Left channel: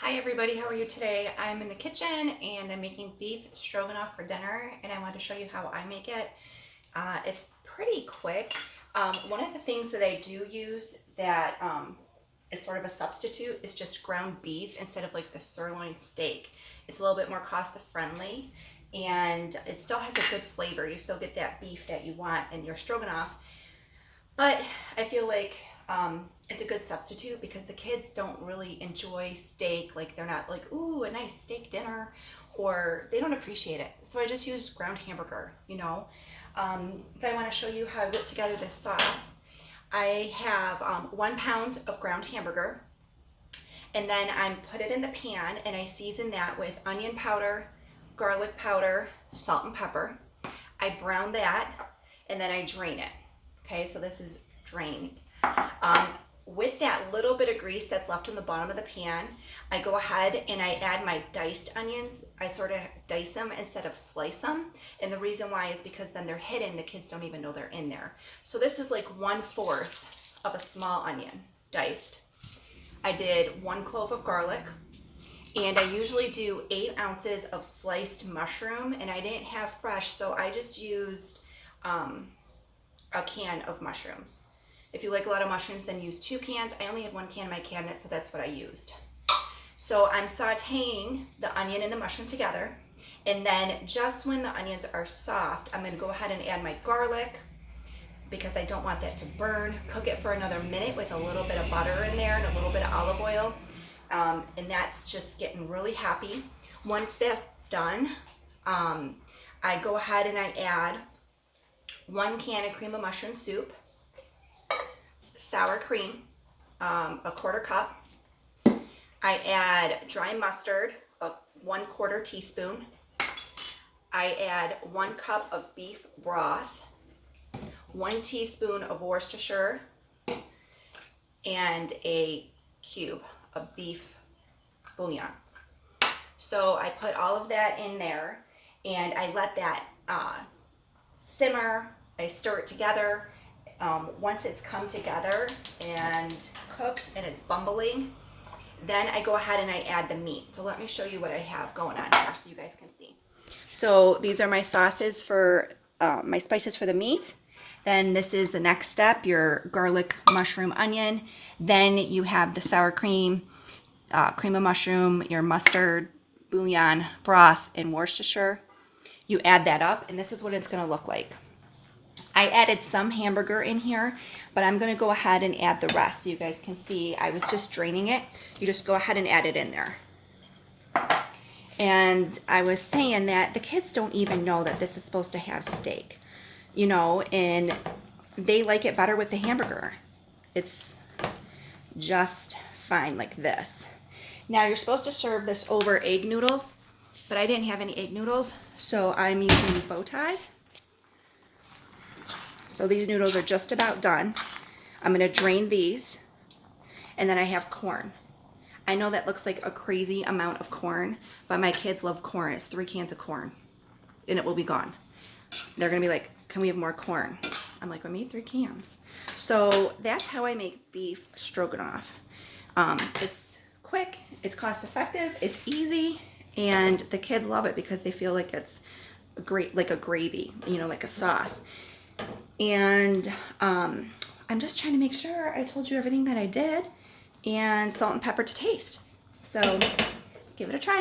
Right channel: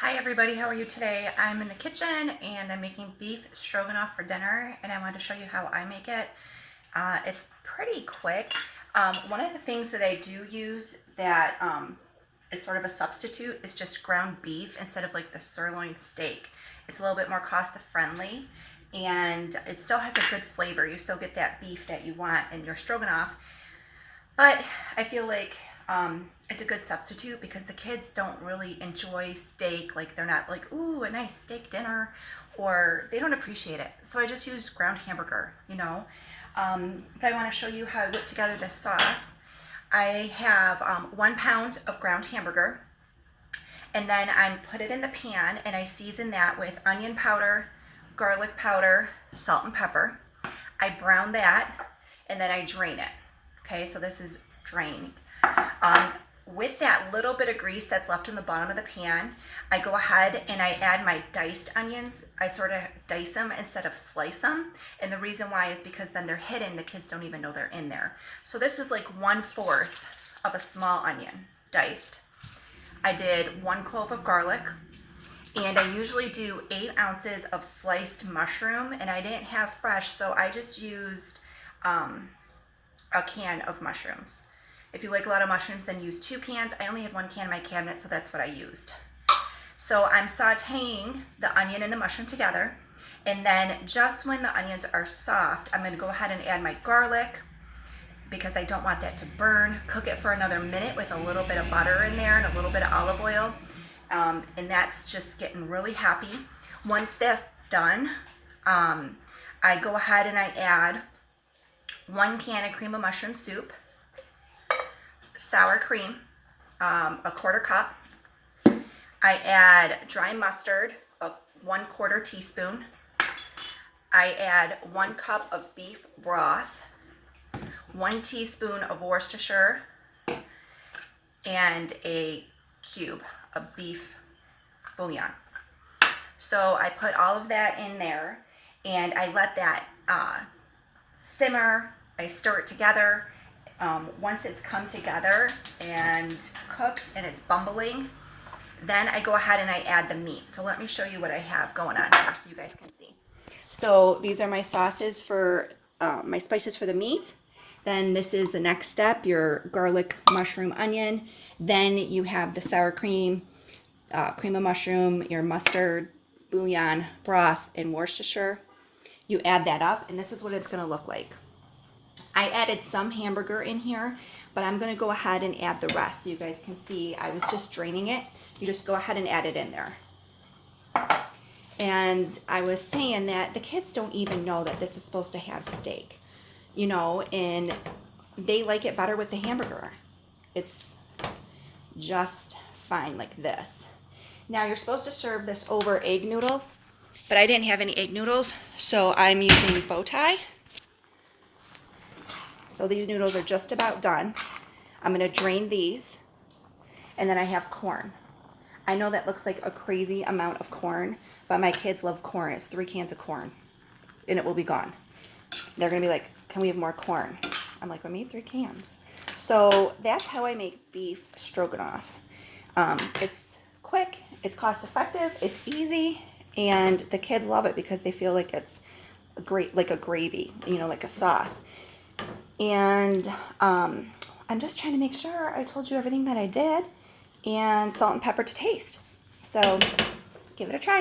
Hi everybody, how are you today? I'm in the kitchen and I'm making beef stroganoff for dinner, and I wanted to show you how I make it. It's pretty quick. One of the things that I do use that is sort of a substitute is just ground beef instead of like the sirloin steak. It's a little bit more cost friendly and it still has a good flavor. You still get that beef that you want in your stroganoff. But I feel like it's a good substitute because the kids don't really enjoy steak. Like they're not like, ooh, a nice steak dinner, or they don't appreciate it. So I just use ground hamburger, you know. But I want to show you how I whip together this sauce. I have 1 pound of ground hamburger, and then I put it in the pan and I season that with onion powder, garlic powder, salt and pepper. I brown that and then I drain it. Okay, so this is drained. With that little bit of grease that's left in the bottom of the pan, I go ahead and I add my diced onions. I sort of dice them instead of slice them. And the reason why is because then they're hidden. The kids don't even know they're in there. So this is like 1/4 of a small onion diced. I did 1 clove of garlic. And I usually do 8 ounces of sliced mushroom. And I didn't have fresh, so I just used a can of mushrooms. If you like a lot of mushrooms, then use 2 cans. I only have 1 can in my cabinet, so that's what I used. So I'm sauteing the onion and the mushroom together, and then just when the onions are soft, I'm going to go ahead and add my garlic because I don't want that to burn. Cook it for another minute with a little bit of butter in there and a little bit of olive oil, and that's just getting really happy. Once that's done, I go ahead and I add 1 can of cream of mushroom soup, sour cream, a 1/4 cup. I add dry mustard, a 1/4 teaspoon. I add 1 cup of beef broth, 1 teaspoon of Worcestershire, and a cube of beef bouillon. So I put all of that in there and I let that simmer. I stir it together. Once it's come together and cooked and it's bubbling, then I go ahead and I add the meat. So let me show you what I have going on here so you guys can see. So these are my sauces for my spices for the meat. Then this is the next step, your garlic, mushroom, onion. Then you have the sour cream, cream of mushroom, your mustard, bouillon, broth, and Worcestershire. You add that up and this is what it's going to look like. I added some hamburger in here, but I'm going to go ahead and add the rest so you guys can see. I was just draining it. You just go ahead and add it in there. And I was saying that the kids don't even know that this is supposed to have steak, you know, and they like it better with the hamburger. It's just fine like this. Now you're supposed to serve this over egg noodles, but I didn't have any egg noodles, so I'm using bow tie. So these noodles are just about done. I'm going to drain these, and then I have corn. I know that looks like a crazy amount of corn, but my kids love corn. It's 3 cans of corn, and it will be gone. They're going to be like, can we have more corn? I'm like, I made 3 cans. So that's how I make beef stroganoff. It's quick, it's cost effective, it's easy, and the kids love it because they feel like it's great, like a gravy, you know, like a sauce. And I'm just trying to make sure I told you everything that I did, and salt and pepper to taste. So give it a try.